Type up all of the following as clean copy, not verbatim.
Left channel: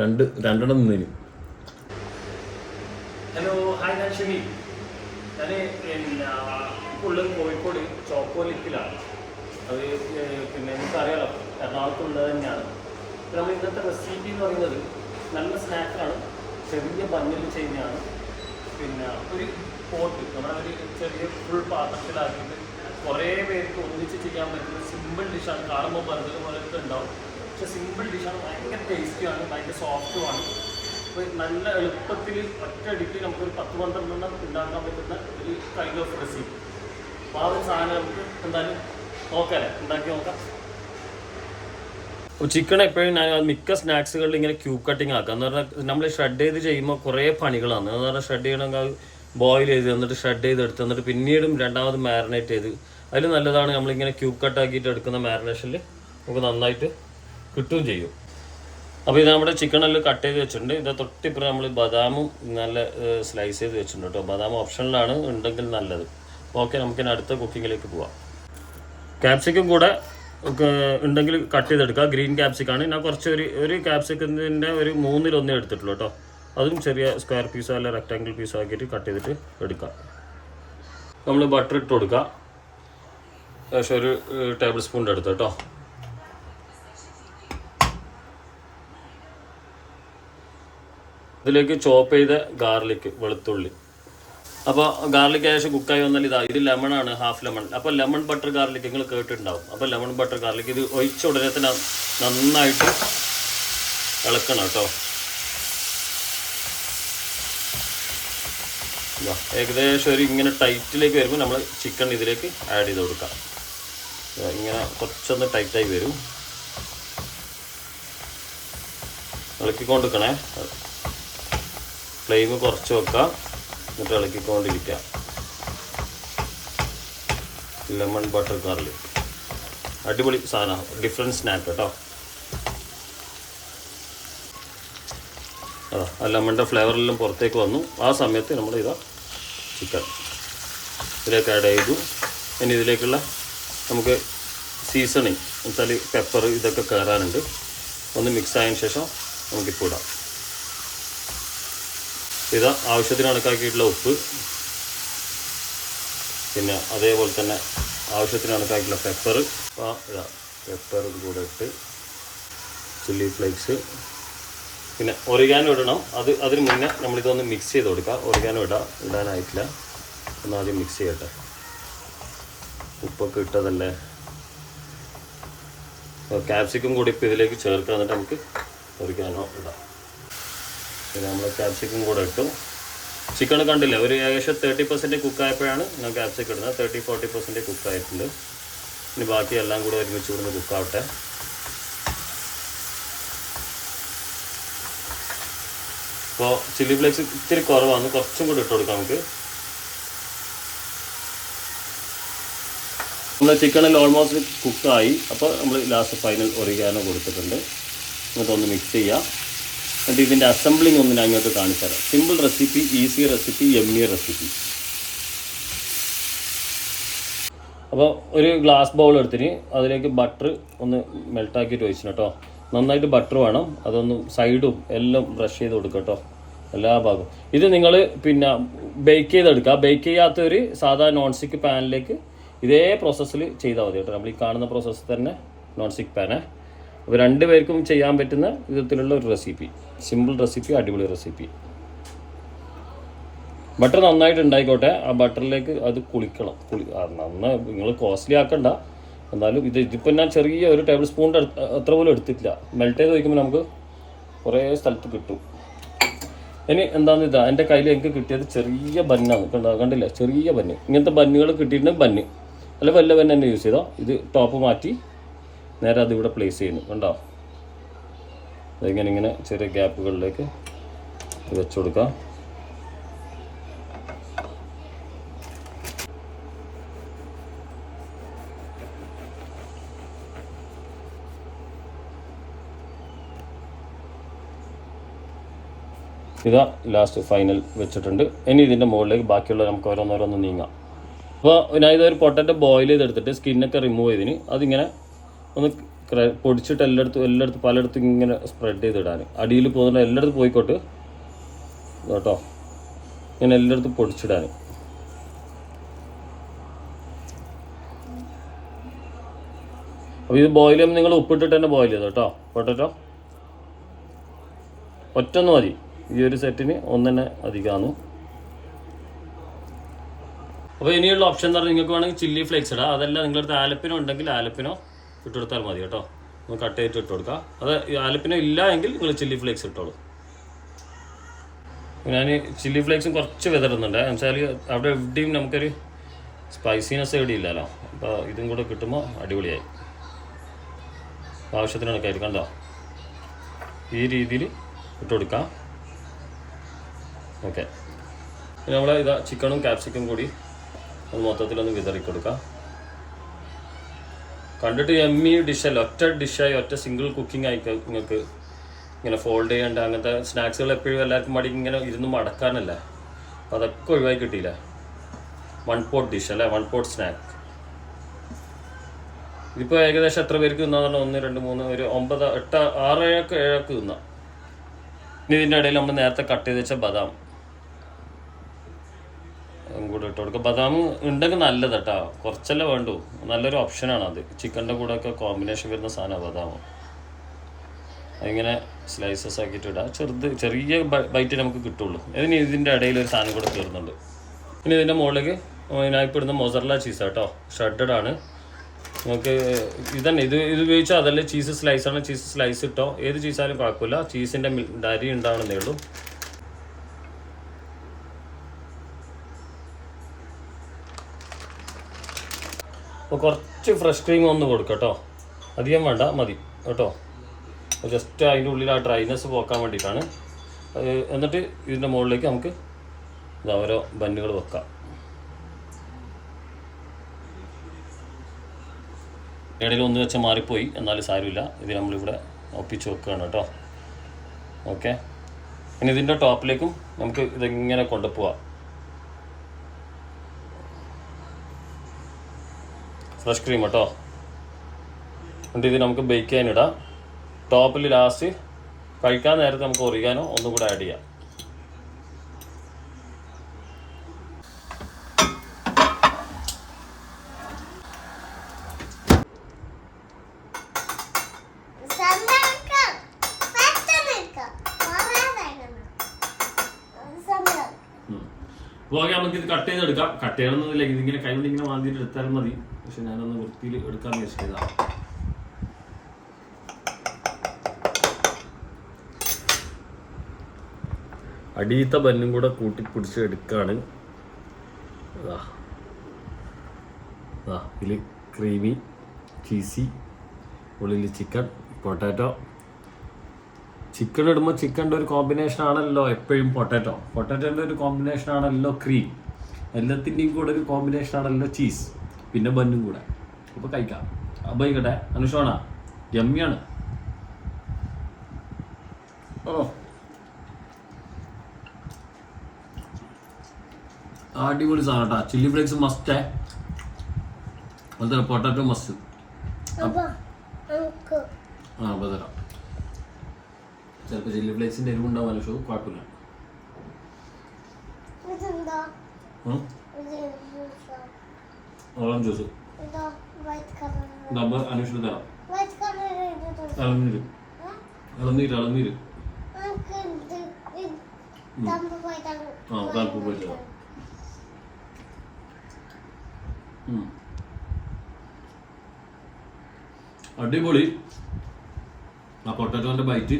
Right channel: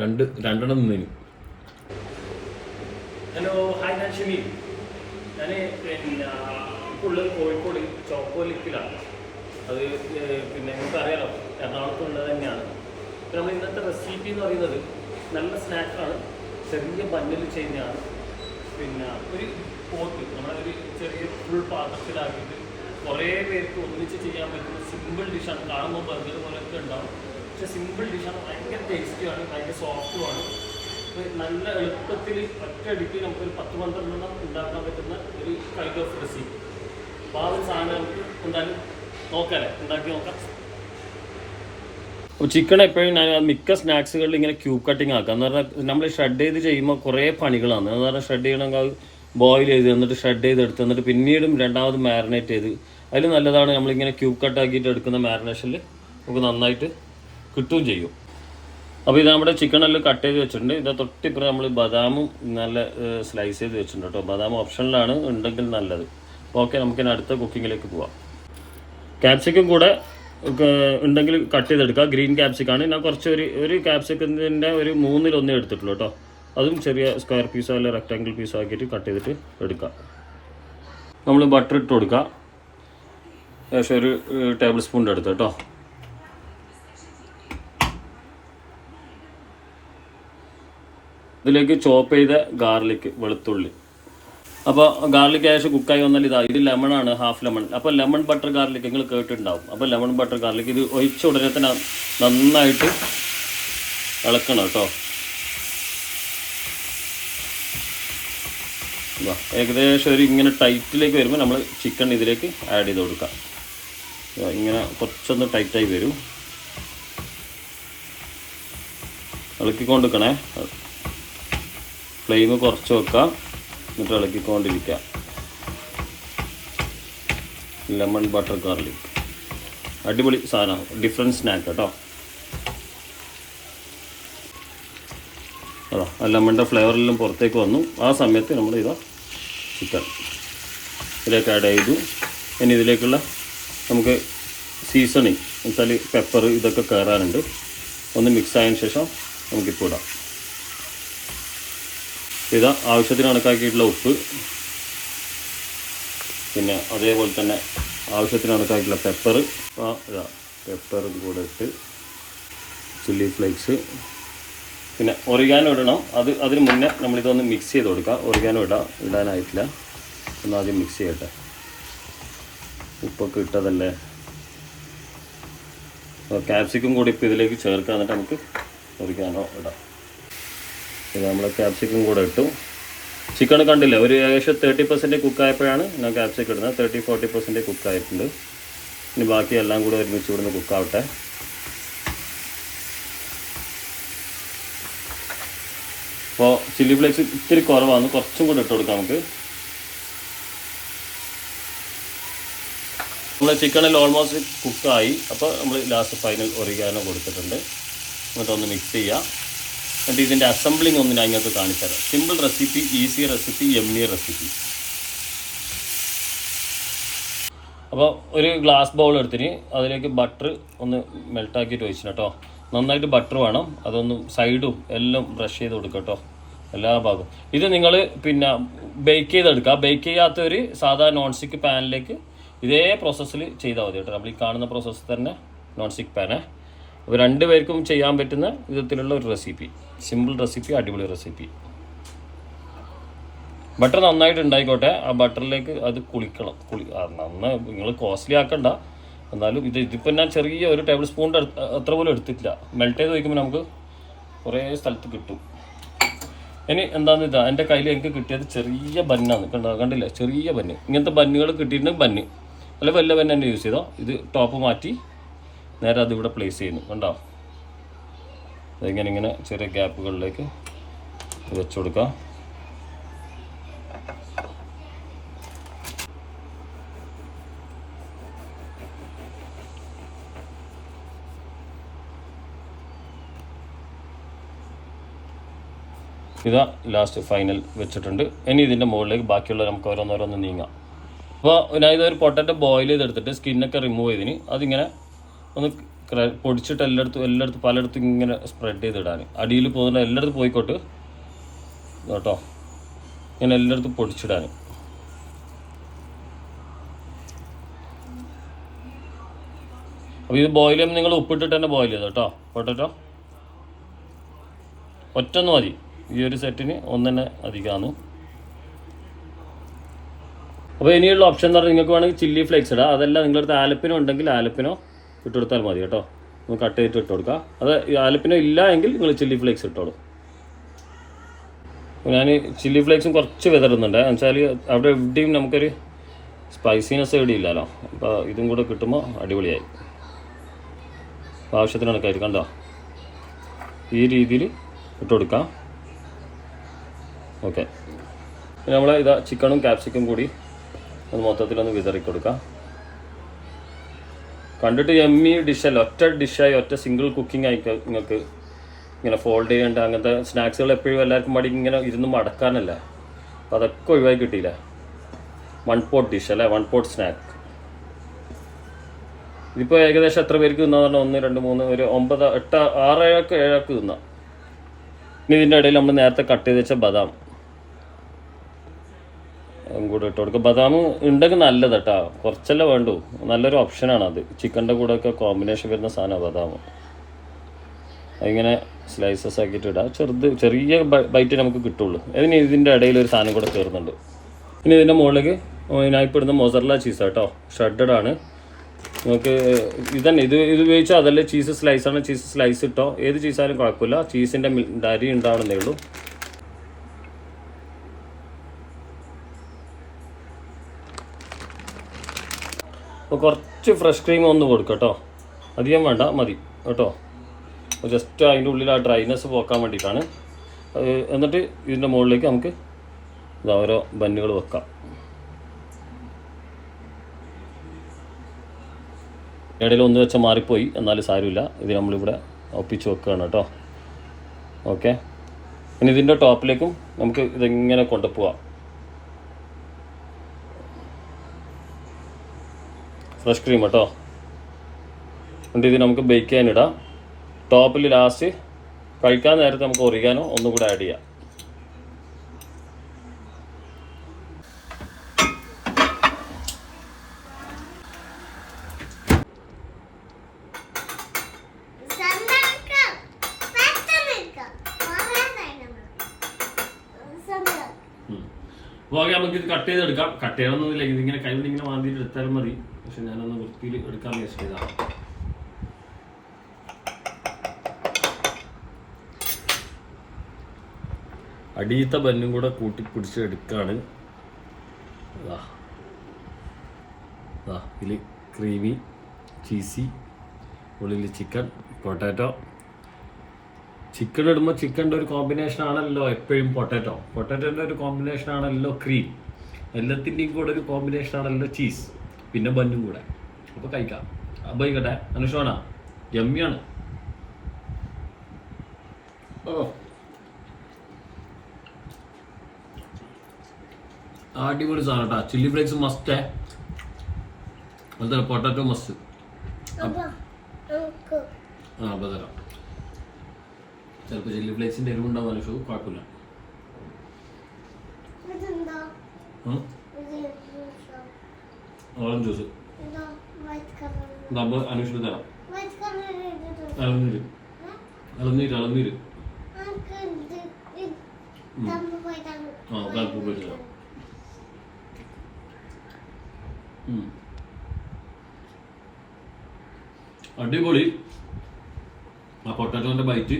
രണ്ടെണ്ണം നിന്നേന്. Hello, hi, ഞാൻ ഷിമി. ഞാൻ പിന്നെ ഇപ്പോൾ ഉള്ളത് കോഴിക്കോട് ചോക്കോലിക്കിലാണ്. അത് പിന്നെ നമുക്കറിയാലോ, എറണാകുളത്തുള്ളത് തന്നെയാണ്. അപ്പോൾ നമ്മൾ ഇന്നത്തെ റെസിപ്പി എന്ന് പറയുന്നത് നല്ല സ്നാക്കാണ്, ചെറിയ ബണ്ണിൽ ചെയ്യുന്നതാണ്. പിന്നെ ഒരു പോട്ട് നമ്മളൊരു ചെറിയ ഫുൾ പാത്രത്തിലാക്കിയിട്ട് കുറേ പേർക്ക് ഒന്നിച്ച് ചെയ്യാൻ പറ്റുന്ന സിമ്പിൾ ഡിഷാണ്. കാണുമ്പോൾ ബർഗർ പോലൊക്കെ ഉണ്ടാവും, പക്ഷേ സിമ്പിൾ ഡിഷാണ്. ഭയങ്കര ടേസ്റ്റിയാണ്, ഭയങ്കര സോഫ്റ്റുമാണ്. അപ്പോൾ നല്ല എളുപ്പത്തിൽ ഒറ്റയടിക്ക് നമുക്കൊരു 10-12 എണ്ണം ഉണ്ടാക്കാൻ പറ്റുന്ന ഒരു കൈൻഡ് ഓഫ് റെസിപ്പി. അപ്പോൾ ആ ഒരു സാധനം നമുക്ക് എന്തായാലും നോക്കാമല്ലേ, ഉണ്ടാക്കി നോക്കാം. ചിക്കൻ എപ്പോഴും ഞാൻ മിക്ക സ്നാക്സുകളിൽ ഇങ്ങനെ ക്യൂബ് കട്ടിങ് ആക്കാം. എന്ന് പറഞ്ഞാൽ നമ്മൾ ഷ്രെഡ് ചെയ്ത് ചെയ്യുമ്പോൾ കുറേ പണികളാണ്. എന്ന് പറഞ്ഞാൽ ഷ്രെഡ് ചെയ്യണമെങ്കിൽ അത് ബോയിൽ ചെയ്ത് എന്നിട്ട് ഷ്രെഡ് ചെയ്തെടുത്ത് എന്നിട്ട് പിന്നീടും രണ്ടാമത് മാരിനേറ്റ് ചെയ്ത്, അതിൽ നല്ലതാണ് നമ്മളിങ്ങനെ ക്യൂബ് കട്ട് ആക്കിയിട്ട് എടുക്കുന്ന മാരിനേഷനിൽ നമുക്ക് നന്നായിട്ട് കിട്ടുകയും ചെയ്യും. അപ്പോൾ ഇത് നമ്മുടെ ചിക്കനെല്ലാം കട്ട് ചെയ്ത് വെച്ചിട്ടുണ്ട്. ഇത് തൊട്ടിപ്പുറം നമ്മൾ ബദാമും നല്ല സ്ലൈസ് ചെയ്ത് വെച്ചിട്ടുണ്ട് കേട്ടോ. ബദാം ഓപ്ഷനിലാണ്, ഉണ്ടെങ്കിൽ നല്ലത്. ഓക്കെ, നമുക്കിനി അടുത്ത കുക്കിങ്ങിലേക്ക് പോവാം. ക്യാപ്സിക്കം കൂടെ ഉണ്ടെങ്കിൽ കട്ട് ചെയ്തെടുക്കുക. ഗ്രീൻ ക്യാപ്സിക്കാണ് ഞാൻ കുറച്ച് ഒരു ക്യാപ്സിക്കത്തിൻ്റെ ഒരു 1/3 എടുത്തിട്ടുള്ളൂ കേട്ടോ. അതും ചെറിയ സ്ക്വയർ പീസോ അല്ലെങ്കിൽ റെക്റ്റാങ്കിൾ പീസോ ആക്കിയിട്ട് കട്ട് ചെയ്തിട്ട് എടുക്കുക. നമ്മൾ ബട്ടർ ഇട്ട് കൊടുക്കുക. ഏകദേശം ഒരു ടേബിൾ സ്പൂണിൻ്റെ അടുത്ത് കേട്ടോ. ഇതിലേക്ക് ചോപ്പ് ചെയ്ത ഗാർലിക്, വെളുത്തുള്ളി. അപ്പോൾ ഗാർലിക് ഏകദേശം കുക്കായി വന്നാൽ ഇത് ലെമണാണ്, ഹാഫ് ലെമൺ. അപ്പോൾ ലെമൺ ബട്ടർ ഗാർലിക് നിങ്ങൾ കേട്ടിട്ടുണ്ടാവും. അപ്പോൾ ലെമൺ ബട്ടർ ഗാർലിക് ഇത് ഒഴിച്ച ഉടനെ തന്നെ നന്നായിട്ട് ഇളക്കണം കേട്ടോ. ഏകദേശം ഒരു ഇങ്ങനെ ടൈറ്റിലേക്ക് വരുമ്പോൾ നമ്മൾ ചിക്കൻ ഇതിലേക്ക് ആഡ് ചെയ്ത് കൊടുക്കാം. ഇങ്ങനെ കുറച്ചൊന്ന് ടൈറ്റായി വരും. ഇളക്കിക്കൊണ്ടിരിക്കണേ, ഫ്ലെയിം കുറച്ച് വെക്കാം, എന്നിട്ട് ഇളക്കിക്കൊണ്ടിരിക്കുക. ലെമൺ ബട്ടർ ഗാർലിക് അടിപൊളി സാധനമാണ്, ഡിഫറെൻറ്റ് സ്നാക്ക് കേട്ടോ. ആ ലെമണിൻ്റെ ഫ്ലേവറെല്ലാം പുറത്തേക്ക് വന്നു. ആ സമയത്ത് നമ്മൾ ഇതാ ചിക്കൻ ഇതിലേക്ക് ആഡ് ചെയ്തു. ഇനി ഇതിലേക്കുള്ള നമുക്ക് സീസണിങ് എന്നുവെച്ചാൽ പെപ്പർ ഇതൊക്കെ കയറാനുണ്ട്. ഒന്ന് മിക്സ് ആയതിനു ശേഷം നമുക്കിപ്പോൾ ഇടാം. ഇതാ ആവശ്യത്തിന് കണക്കാക്കിയിട്ടുള്ള ഉപ്പ്, പിന്നെ അതേപോലെ തന്നെ ആവശ്യത്തിന് കണക്കാക്കിയിട്ടുള്ള പെപ്പർ. ഇതാ പെപ്പറും കൂടെ ഇട്ട്, ചില്ലി ഫ്ലേക്സ്, പിന്നെ ഒറിഗാനോ ഇടണം. അതിന് മുന്നേ നമ്മളിതൊന്ന് മിക്സ് ചെയ്ത് കൊടുക്കുക. ഒറിഗാനോ ഇടാനായിട്ടില്ല, ഒന്ന് ആദ്യം മിക്സ് ചെയ്യട്ടെ. ഉപ്പൊക്കെ ഇട്ടതല്ലേ. ക്യാപ്സിക്കം കൂടി ഇപ്പോൾ ഇതിലേക്ക് ചേർക്കുക, എന്നിട്ട് നമുക്ക് ഒറിഗാനോ ഇടാം. ഇത് നമ്മൾ ക്യാപ്സിക്കം കൂടെ ഇട്ടു. ചിക്കൻ കണ്ടില്ല, ഒരു ഏകദേശം 30% കുക്കായപ്പോഴാണ് ഞാൻ ക്യാപ്സിക്കം ഇടുന്നത്. 30-40% കുക്കായിട്ടുണ്ട്. ഇനി ബാക്കി എല്ലാം കൂടെ ഒരുമിച്ച് ഇവിടുന്ന് കുക്കാവട്ടെ. അപ്പോൾ ചില്ലി ഫ്ലേക്സ് ഇത്തിരി കുറവാണ്, കുറച്ചും കൂടെ ഇട്ട് കൊടുക്കാം നമുക്ക്. നമ്മുടെ ചിക്കനിൽ ഓൾമോസ്റ്റ് കുക്കായി. അപ്പോൾ നമ്മൾ ലാസ്റ്റ് ഫൈനൽ ഒറിഗാനോ കൊടുത്തിട്ടുണ്ട്. എന്നിട്ടൊന്ന് മിക്സ് ചെയ്യാം. എന്നിട്ട് ഇതിൻ്റെ അസംബ്ലിങ് ഒന്ന് ഞാൻ ഇങ്ങോട്ട് കാണിച്ചു തരാം. Simple recipe, easy recipe, yummy recipe. അപ്പോൾ ഒരു ഗ്ലാസ് ബൗൾ എടുത്തിന് അതിലേക്ക് ബട്ടർ ഒന്ന് മെൽട്ടാക്കിയിട്ട് ഒഴിച്ചു കേട്ടോ. നന്നായിട്ട് ബട്ടർ വേണം, അതൊന്ന് സൈഡും എല്ലാം ബ്രഷ് ചെയ്ത് കൊടുക്കുക കേട്ടോ, എല്ലാ ഭാഗവും. ഇത് നിങ്ങൾ പിന്നെ ബേക്ക് ചെയ്തെടുക്കുക. ബേക്ക് ചെയ്യാത്തൊരു സാധാ നോൺ സ്റ്റിക്ക് പാനിലേക്ക് ഇതേ പ്രോസസ്സിൽ ചെയ്താൽ മതി കേട്ടോ. നമ്മൾ ഈ കാണുന്ന പ്രോസസ്സ് തന്നെ നോൺ സ്റ്റിക്ക് പാന്. അപ്പോൾ 2 പേർക്കും ചെയ്യാൻ പറ്റുന്ന വിധത്തിലുള്ള ഒരു റെസിപ്പി, സിമ്പിൾ റെസിപ്പി, അടിപൊളി റെസിപ്പി. ബട്ടർ നന്നായിട്ട് ഉണ്ടായിക്കോട്ടെ. ആ ബട്ടറിലേക്ക് അത് കുളിക്കണം. നന്നായി നിങ്ങൾ കോസ്റ്റ്ലി ആക്കണ്ട. എന്നാലും ഇതിപ്പോൾ ഞാൻ ചെറിയ ഒരു ടേബിൾ സ്പൂണിൻ്റെ അത്ര പോലും എടുത്തിട്ടില്ല. മെൽറ്റ് ചെയ്ത് വയ്ക്കുമ്പോൾ നമുക്ക് കുറേ സ്ഥലത്ത് കിട്ടും. ഇനി എന്താണെന്ന് ഇതാ എൻ്റെ കയ്യിൽ എനിക്ക് കിട്ടിയത് ചെറിയ ബന്നാണ്. കണ്ടില്ല, ചെറിയ ബന്ന്. ഇങ്ങനത്തെ ബന്നുകൾ കിട്ടിയിട്ടുണ്ട്. ബന്ന് അല്ല വലിയ ബന്ന് തന്നെ യൂസ് ചെയ്താൽ. ഇത് ടോപ്പ് മാറ്റി നേരെ അതിവിടെ പ്ലേസ് ചെയ്യുന്നു. ഉണ്ടോ? അതിങ്ങനെ ചെറിയ ഗ്യാപ്പുകളിലേക്ക് വെച്ച് കൊടുക്കാം. ഇതാ ലാസ്റ്റ് ഫൈനൽ വെച്ചിട്ടുണ്ട്. ഇനി ഇതിൻ്റെ മുകളിലേക്ക് ബാക്കിയുള്ള നമുക്ക് ഓരോന്നോരോന്ന് നീങ്ങാം. അപ്പോൾ ഞാൻ ഇതൊരു പൊട്ടറ്റോ ബോയിൽ ചെയ്തെടുത്തിട്ട് സ്കിന്നൊക്കെ റിമൂവ് ചെയ്തിന് അതിങ്ങനെ ഒന്ന് പൊടിച്ചിട്ട് എല്ലായിടത്തും പലയിടത്തും ഇങ്ങനെ സ്പ്രെഡ് ചെയ്തിടാൻ. അടിയിൽ പോകുന്ന എല്ലായിടത്തും പോയിക്കോട്ട് കേട്ടോ, ഇങ്ങനെ എല്ലായിടത്തും പൊടിച്ചിടാൻ. അപ്പോൾ ഇത് ബോയിൽ ചെയ്യുമ്പോൾ നിങ്ങൾ ഉപ്പിട്ടിട്ട് തന്നെ ബോയിൽ ചെയ്തോ കേട്ടോ. പൊട്ടറ്റോ ഒറ്റൊന്ന് മതി, ഈ ഒരു സെറ്റിന് ഒന്നെ അധികമാണ്. അപ്പോൾ ഇനിയുള്ള ഓപ്ഷൻ എന്ന് പറഞ്ഞാൽ നിങ്ങൾക്ക് വേണമെങ്കിൽ ചില്ലി ഫ്ലേക്സ് ഇടാം. അതല്ല നിങ്ങളടുത്ത് ആലപ്പിനോ ഉണ്ടെങ്കിൽ ആലപ്പിനോ ഇട്ടെടുത്താൽ മതി കേട്ടോ. ഒന്ന് കട്ട് ചെയ്തിട്ട് ഇട്ട് കൊടുക്കുക. അത് ആലപ്പിനോ ഇല്ല എങ്കിൽ നിങ്ങൾ ചില്ലി ഫ്ലേക്സ് ഇട്ടോളൂ. ഞാൻ ചില്ലി ഫ്ലേക്സും കുറച്ച് വിതറുന്നുണ്ട്. എന്നുവെച്ചാൽ അവിടെ എവിടെയും നമുക്കൊരു സ്പൈസിനെസ് എവിടെ ഇല്ലല്ലോ. അപ്പോൾ ഇതും കൂടെ കിട്ടുമ്പോൾ അടിപൊളിയായി. ആവശ്യത്തിന് കണക്കായിരിക്കും കണ്ടോ, ഈ രീതിയിൽ ഇട്ട് കൊടുക്കാം. ഓക്കെ, നമ്മൾ ഇതാ ചിക്കനും ക്യാപ്സിക്കും കൂടി ഒന്ന് മൊത്തത്തിലൊന്ന് വിതറി കൊടുക്കാം. കണ്ടിട്ട് എമ്മി ഡിഷല്ല, ഒറ്റ ഡിഷായി ഒറ്റ സിംഗിൾ കുക്കിംഗ് ആയി നിങ്ങൾക്ക് ഇങ്ങനെ ഫോൾഡ് ചെയ്യേണ്ട അങ്ങനത്തെ സ്നാക്സുകൾ എപ്പോഴും എല്ലാവർക്കും മടി ഇങ്ങനെ ഇരുന്ന് മടക്കാനല്ല. അപ്പോൾ അതൊക്കെ ഒഴിവായി കിട്ടിയില്ല. 1 പോട്ട് ഡിഷ് അല്ലേ, 1 പോട്ട് സ്നാക്ക്. ഇതിപ്പോൾ ഏകദേശം എത്ര പേർക്ക് തിന്നാന്ന് പറഞ്ഞാൽ 1, 2, 3, 1, 9, 8, 6, 7 തിന്നാം. ഇനി ഇതിൻ്റെ ഇടയിൽ നമ്മൾ നേരത്തെ കട്ട് ചെയ്ത് വെച്ച ബദാം കൂടെ ഇട്ട് കൊടുക്കുക. ബദാം ഉണ്ടെങ്കിൽ നല്ലത് കേട്ടോ, കുറച്ചല്ലേ വേണ്ടൂ. നല്ലൊരു ഓപ്ഷനാണ് അത്. ചിക്കൻ്റെ കൂടെ ഒക്കെ കോമ്പിനേഷൻ വരുന്ന സാധനമാണ് ബദാം. അതിങ്ങനെ സ്ലൈസസ് ആക്കിയിട്ട് ഇടാം. ചെറിയ ബൈറ്റ് നമുക്ക് കിട്ടുള്ളൂ. അതിന് ഇതിൻ്റെ ഇടയിൽ ഒരു സാധനം കൂടെ കയറുന്നുണ്ട്. ഇനി ഇതിൻ്റെ മുകളിലേക്ക് ഇതിനായിപ്പോൾ ഇടുന്ന മൊസറല്ല ചീസ് കേട്ടോ, ഷഡഡ് ആണ്. നമുക്ക് ഇതന്നെ ഇത് ഉപയോഗിച്ചാൽ അതല്ലേ ചീസ് സ്ലൈസാണ്, ചീസ് സ്ലൈസ് ഇട്ടോ, ഏത് ചീസായാലും കുഴപ്പമില്ല. ചീസിൻ്റെ അരി ഉണ്ടാവണമെന്നേ ഉള്ളൂ. അപ്പോൾ കുറച്ച് ഫ്രഷ് ക്രീം ഒന്ന് കൊടുക്കുക കേട്ടോ, അധികം വേണ്ട, മതി കേട്ടോ. ജസ്റ്റ് അതിൻ്റെ ഉള്ളിൽ ആ ഡ്രൈനെസ് പോക്കാൻ വേണ്ടിയിട്ടാണ്. എന്നിട്ട് ഇതിൻ്റെ മുകളിലേക്ക് നമുക്ക് ഇതാ ഓരോ ബന്നുകൾ വെക്കാം. ഇടയിൽ ഒന്ന് വെച്ചാൽ മാറിപ്പോയി, എന്നാലും സാരമില്ല. ഇത് നമ്മളിവിടെ ഒപ്പിച്ച് വെക്കുകയാണ് കേട്ടോ. ഓക്കെ, ഇനി ഇതിൻ്റെ ടോപ്പിലേക്കും നമുക്ക് ഇതെങ്ങനെ കൊണ്ടുപോവാം. ഫ്രഷ് ക്രീം കേട്ടോ. എന്നിട്ട് ഇത് നമുക്ക് ബേക്ക് ചെയ്യാനിടാം. ടോപ്പിൽ ലാസ്റ്റ് കഴിക്കാൻ നേരത്തെ നമുക്ക് ഒറിഗാനോ ഒന്നും കൂടെ ആഡ് ചെയ്യാം. അപ്പോൾ നമുക്ക് ഇത് കട്ട് ചെയ്തെടുക്കാം. കട്ട് ചെയ്യണമെന്നില്ല, ഇതിങ്ങനെ കൈകൊണ്ട് ഇങ്ങനെ മാന്തിയിട്ട് എടുത്താലും മതി. പക്ഷെ ഞാനൊന്ന് വൃത്തിയിൽ എടുക്കാൻ വിചാരിച്ചതാണ്. അടിയത്തെ ബന്നും കൂടെ കൂട്ടിപ്പിടിച്ച് എടുക്കുകയാണ്. ഇതിൽ ക്രീമി ചീസി, ഉള്ളിൽ ചിക്കൻ, പൊട്ടാറ്റോ. ചിക്കൻ ഇടുമ്പോൾ ചിക്കൻ്റെ ഒരു കോമ്പിനേഷൻ ആണല്ലോ എപ്പോഴും പൊട്ടാറ്റോൻ്റെ ഒരു കോമ്പിനേഷൻ ആണല്ലോ ക്രീം. എല്ലാത്തിൻ്റെയും കൂടെ ഒരു കോമ്പിനേഷൻ ആണല്ലോ ചീസ്, പിന്നെ ബന്നും കൂടെ. അപ്പോൾ കഴിക്കാം. അപ്പോൾ ഇക്കട്ടെ അനുഷോണ, യമ്മിയാണ്. ഓ അടിപൊളി സാധനം കേട്ടോ. ചില്ലി ഫ്ലേക്സ് മസ്റ്റ്, അതുപോലെ പൊട്ടാറ്റോ മസ്റ്റ്. അപ്പോൾ തരാം. ചിലപ്പോൾ ചില്ലി ഫ്ലേക്സിൻ്റെ എരിവുണ്ടാവും അനുഷോ, കുഴപ്പമില്ല. ഓറഞ്ച് ജ്യൂസ് അനുഷിന് തരാം. ഇളനീര് കാൽപ്പൂ പോയി തരാം. അടിപൊളി ആ പൊട്ടാറ്റോന്റെ ബൈറ്റ്.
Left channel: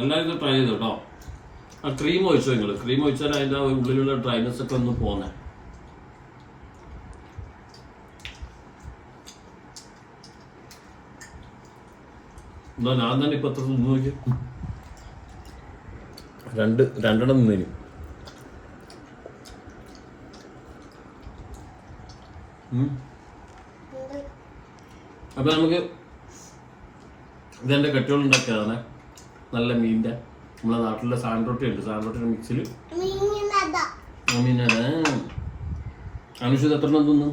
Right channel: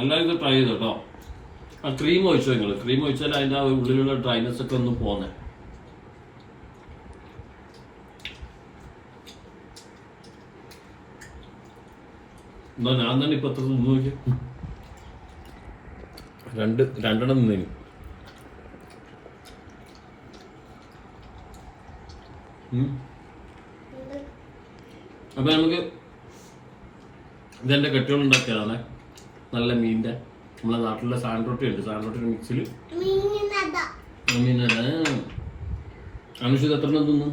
എല്ലാവരും ട്രൈ ചെയ്തോ കേട്ടോ. ആ ക്രീം ഒഴിച്ചോ നിങ്ങൾ. ക്രീം ഒഴിച്ചാൽ അതിൻ്റെ ആ ഉള്ളിലുള്ള ഡ്രൈനെസ് ഒക്കെ ഒന്ന് പോന്നേ. എന്നാ ഞാൻ തന്നെ ഇപ്പൊ എത്ര തിന്നു നോക്കി. രണ്ടെണ്ണം നിന്നേന്. അപ്പൊ നമുക്ക് ഇതെന്റെ കെട്ടുകളുണ്ടാക്കിയതാണ്. നല്ല മീനിന്റെ നമ്മളെ നാട്ടിലെ സാൻഡ്രോട്ടി ഉണ്ട്. സാൻഡ്രോട്ടിയുടെ മിക്സിൽ അനുഷ് എത്ര തിന്നു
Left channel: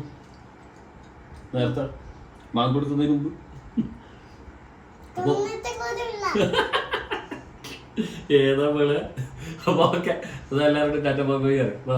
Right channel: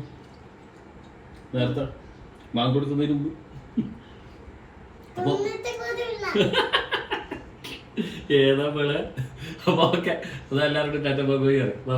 നേരത്തെ മാങ്ങ കൊടുക്കുന്നതിന് മുമ്പ്? അപ്പൊ ഏതാ പോലെ? അപ്പൊ ഓക്കെ, അതെല്ലാവരും ടാറ്റ ബൈ ബൈ.